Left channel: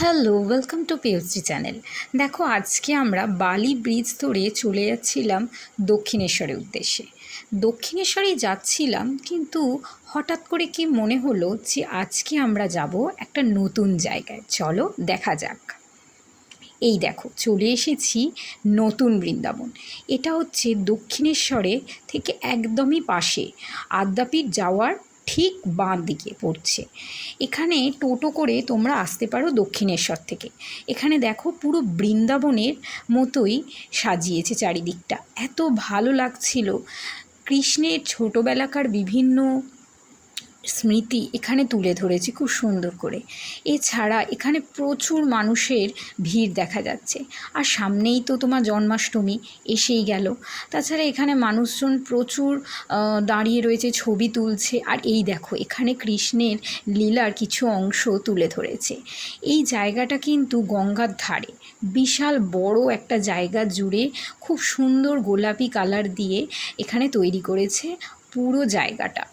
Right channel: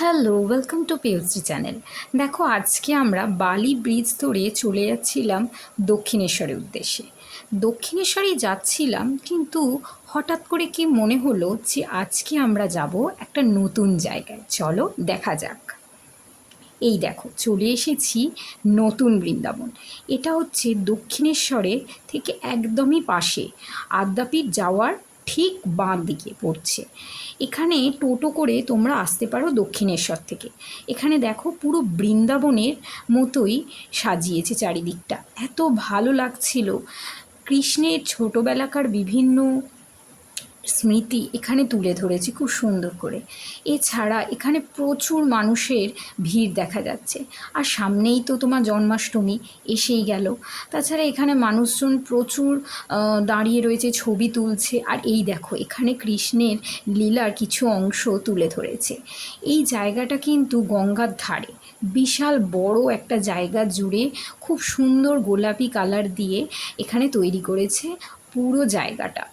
Hello, welcome to PUC channel. দেখো, আজকে আমরা বালি ব্রিজ ধরে চলে যাচ্ছিলাম দক্ষিণেশ্বরের উদ্দেশ্যে। দক্ষিণেশ্বরে যাচ্ছিলাম, কিন্তু হঠাৎ করে কি মনে হলো যে আজকে আমরা যাব একটা নতুন জায়গায়। চলো দেখা যাক। এই দেখো, চলে এসেছি নতুন বৃন্দাবন। এটা হচ্ছে দক্ষিণেশ্বরে থেকে একদমই পাশে, আদ্যাপীঠ যাওয়ার ঠিক বাঁ দিকে পড়ছে। এখানে টোটো করে তোমরা আসতে পারো দক্ষিণেশ্বর থেকে। এখানে দেখো, পুরো বৃন্দাবনের মতোই সাজিয়েছে চারিদিকটা, এত ভালো লাগছিল। কৃষ্ণের ছোটোবেলাকার বিভিন্ন স্মৃতি এখানে তুলে ধরেছি খুব সুন্দর করে। এছাড়া এখানে প্রচুর মানুষের ভিড় দেখা যাচ্ছে। আর সামনেই তো তোমার জন্মাষ্টমী এসেই গেল। তাছাড়া এখানে মানুষজন প্রচুর দাঁড়িয়ে রয়েছে, ছবি তুলছে। আর এই দেখো, এখানে কৃষ্ণের লীলার কিছু অংশ তুলে ধরেছে। এই জায়গাটা কিন্তু গঙ্গার ধারে, বিশাল বড় একটা জায়গা জুড়ে খুব সুন্দর গোলাপি কালার দিয়ে এখানে তৈরি করেছে পুরো জায়গাটা।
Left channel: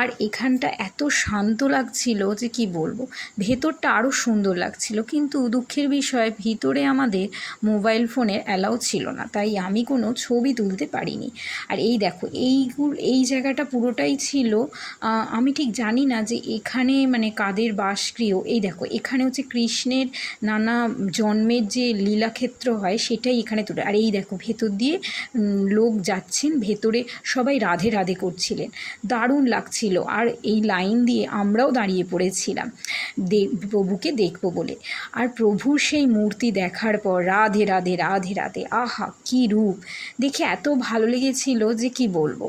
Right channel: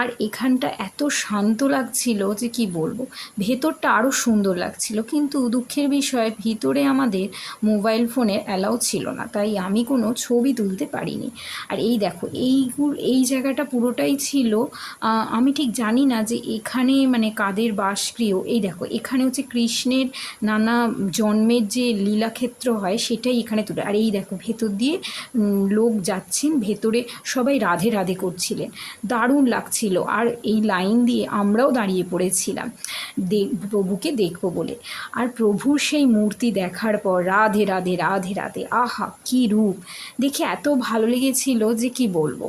আর এখানটা এত শান্ত লাগছিল যে কি বলবো। ভেতরটা আরও সুন্দর লাগছিল, কিন্তু দুঃখের বিষয় ভিতরে আমাদের মোবাইল ফোনের অ্যালাউ ছিল না, তাই আমি কোনো ছবি তুলতে পারিনি। আর এই দেখো, এই জায়গাটা পুরোটাই ছিল, আমি ঠিক জানি না যে এখানে মানে কাদের বাসগৃহ। এই দেখো, এখানে হচ্ছে কৃষ্ণের নানা জন্মের যে লীলাক্ষেত্র হয় সেটাই এখানে তুলে। আর এই দেখো, ভেতর দিয়ে লোক যাচ্ছেন, ভেতরে সবাই রাধে রাধে করছিলেন, দারুণ লাগছিল। আর এই লাইন দিয়ে আমরাও দাঁড়িয়ে পড়েছিলাম প্রভুকে দেখব বলে। আর প্রভুর সেই মূর্তি দেখার পর রাধে রাধে রাধে রাধে, আহা কি রূপ! দেখে এত ভালো লেগেছিল যে কি বলবো।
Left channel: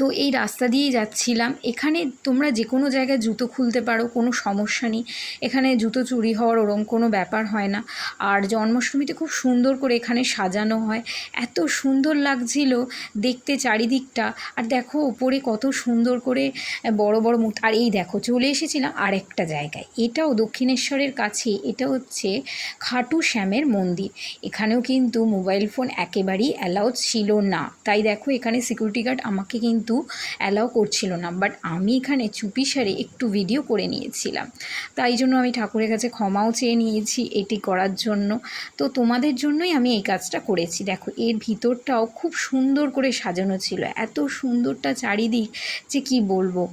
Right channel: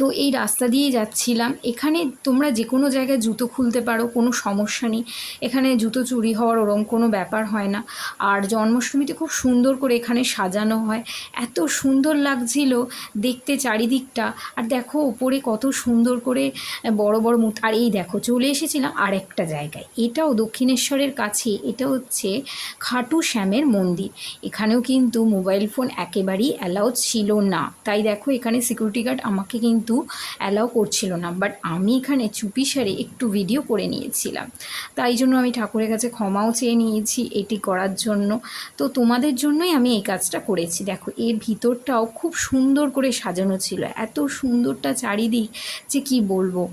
তো এই রাস্তা দিয়ে যাচ্ছিলাম। এখানে তোমরা যে কোনো জায়গায় জুতো খুলতে পারো, কোনো সমস্যা নেই। এখানে জুতো চুরি হওয়ার ওরম কোনো ব্যাপার হয় না। আর জন্মাষ্টমীতে খুব সুন্দর করে এখানে সাজানো হয়, এত সুন্দর লাগছিল দেখতে চারিদিকটা। আর দেখো ওপরে কত সুন্দর করে বড় বড় মূর্তি। আর এই দেখো, চলে এসেছিলাম আরেকটা জায়গায়, এটাও দক্ষিণেশ্বরের কাছে। এটা হচ্ছে খাটু শ্যামের মন্দির। এখানেও কিন্তু মোবাইল ফোন একেবারেই অ্যালাউ ছিল না, তাই দেখো এখানে সিকিউরিটি গার্ড আমাকে কিন্তু অ্যালাউ করছিল না। বাট আমি এখানে চুপিসারে একটু ভিডিও করে নিয়েছিলাম, তাই জন্য আমি ঠাকুরের কাছে ক্ষমাও চেয়ে নিয়েছি এটি করার জন্য। তো তোমাদের জন্যই আমি এই কাজটা করেছি। দেখো, এর ভিতরটাও খুব সুন্দর করে সাজানো ছিল, এত সুন্দরটা চারিদিক যে কি বলবো।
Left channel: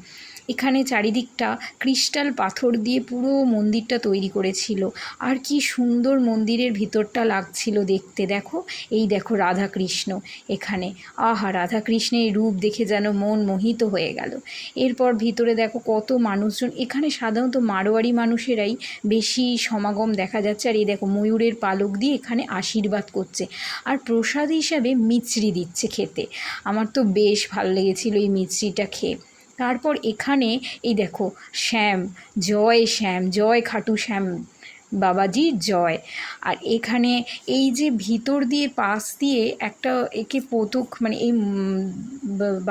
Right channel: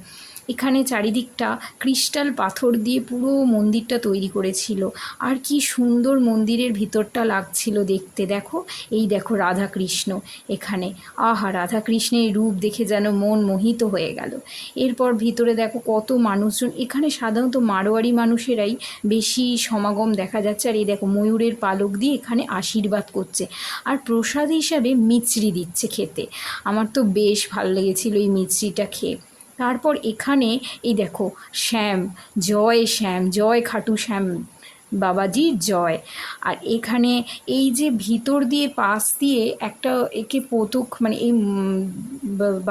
এখানে চারিদিকটা ক্রিস্টাল পাথর দিয়ে পুরো মন্দিরটা তৈরি করেছিল। আর কি সুন্দর মন্দিরের ভিতরটা লাগছিল দেখতে। দেখো, এই দেখো রাধাকৃষ্ণ এখানে, আহা রাধাকৃষ্ণের রূপ দেখে যেন মন মোহিত হয়ে গেল। এরপর ভিতরে দেখো কত মানুষজন, এখানে সাধারণত মারোয়ারি মানুষেরাই বেশি সমাগম দেখা যাচ্ছে। আর এই দেখো, ময়ূরের পালক দিয়ে এখানে আশীর্বাদ করছে, আর প্রসাদ হিসাবে মিছরি দিচ্ছে খেতে। আমার তো বেশ ভালো লেগেছিল এই মিছরিটা খেয়ে। তারপর এখানে এই দেখো, শ্যাম জয় খাটু শ্যাম বাবাজির জয়। আর এখানে এই যে ভিতর দিয়ে পাশ দিয়ে একটা একে মানে এই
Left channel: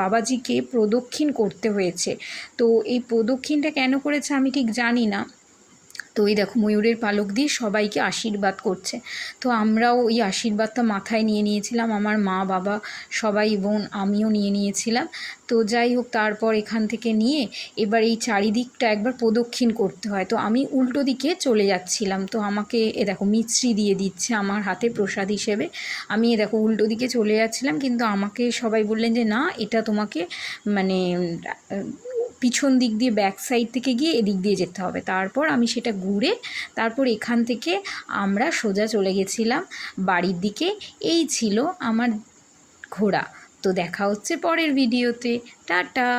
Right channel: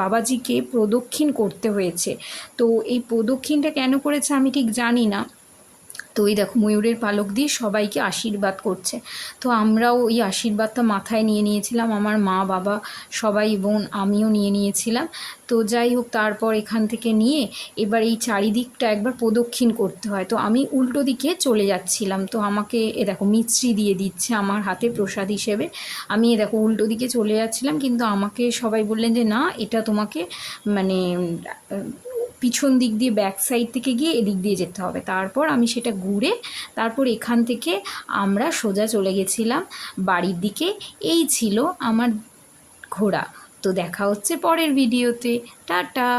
বাবাজিকে প্রদক্ষিণ করতে হয়েছে। তো এই প্রদক্ষিণটা কেন করেছে আমি ঠিক জানি না। তো এই দেখো, ময়ূরের পালক দিয়ে সবাইকে আশীর্বাদ করছে। তো আমরাও ওই আশীর্বাদটা মাথায় নিয়ে নিয়েছিলাম, আমার মা বাবা সবাই, বোন আমিও নিয়ে নিয়েছিলাম। তো যাই হোক, তারপর এখান থেকে নিয়ে এবার এই চারিদিকটা একবার প্রদক্ষিণ করতে হয়। তো আমি উল্টো দিকে চলে যাচ্ছিলাম, তো আমাকে এ দেখো মিছরি দিয়ে দিচ্ছে আমার হাতে প্রসাদ হিসেবে। আমি এ দেখো উল্টো দিকে চলে যাচ্ছিলাম, কিন্তু আমাকে সবাই বললেন যে না, এটা তোমাকে মানে পিছন দিক দিয়ে ব্যাক সাইড থেকে গিয়ে এদিক দিয়ে যেতে হবে। তারপর আমি সেটা ঘুরে তারপর এখান থেকে আমরা সোজা চলে গেছিলাম বাড়ির দিকে। এই ছিল আমার ঘোরা। তো দেখা হচ্ছে পরের ভিডিওতে। টাটা।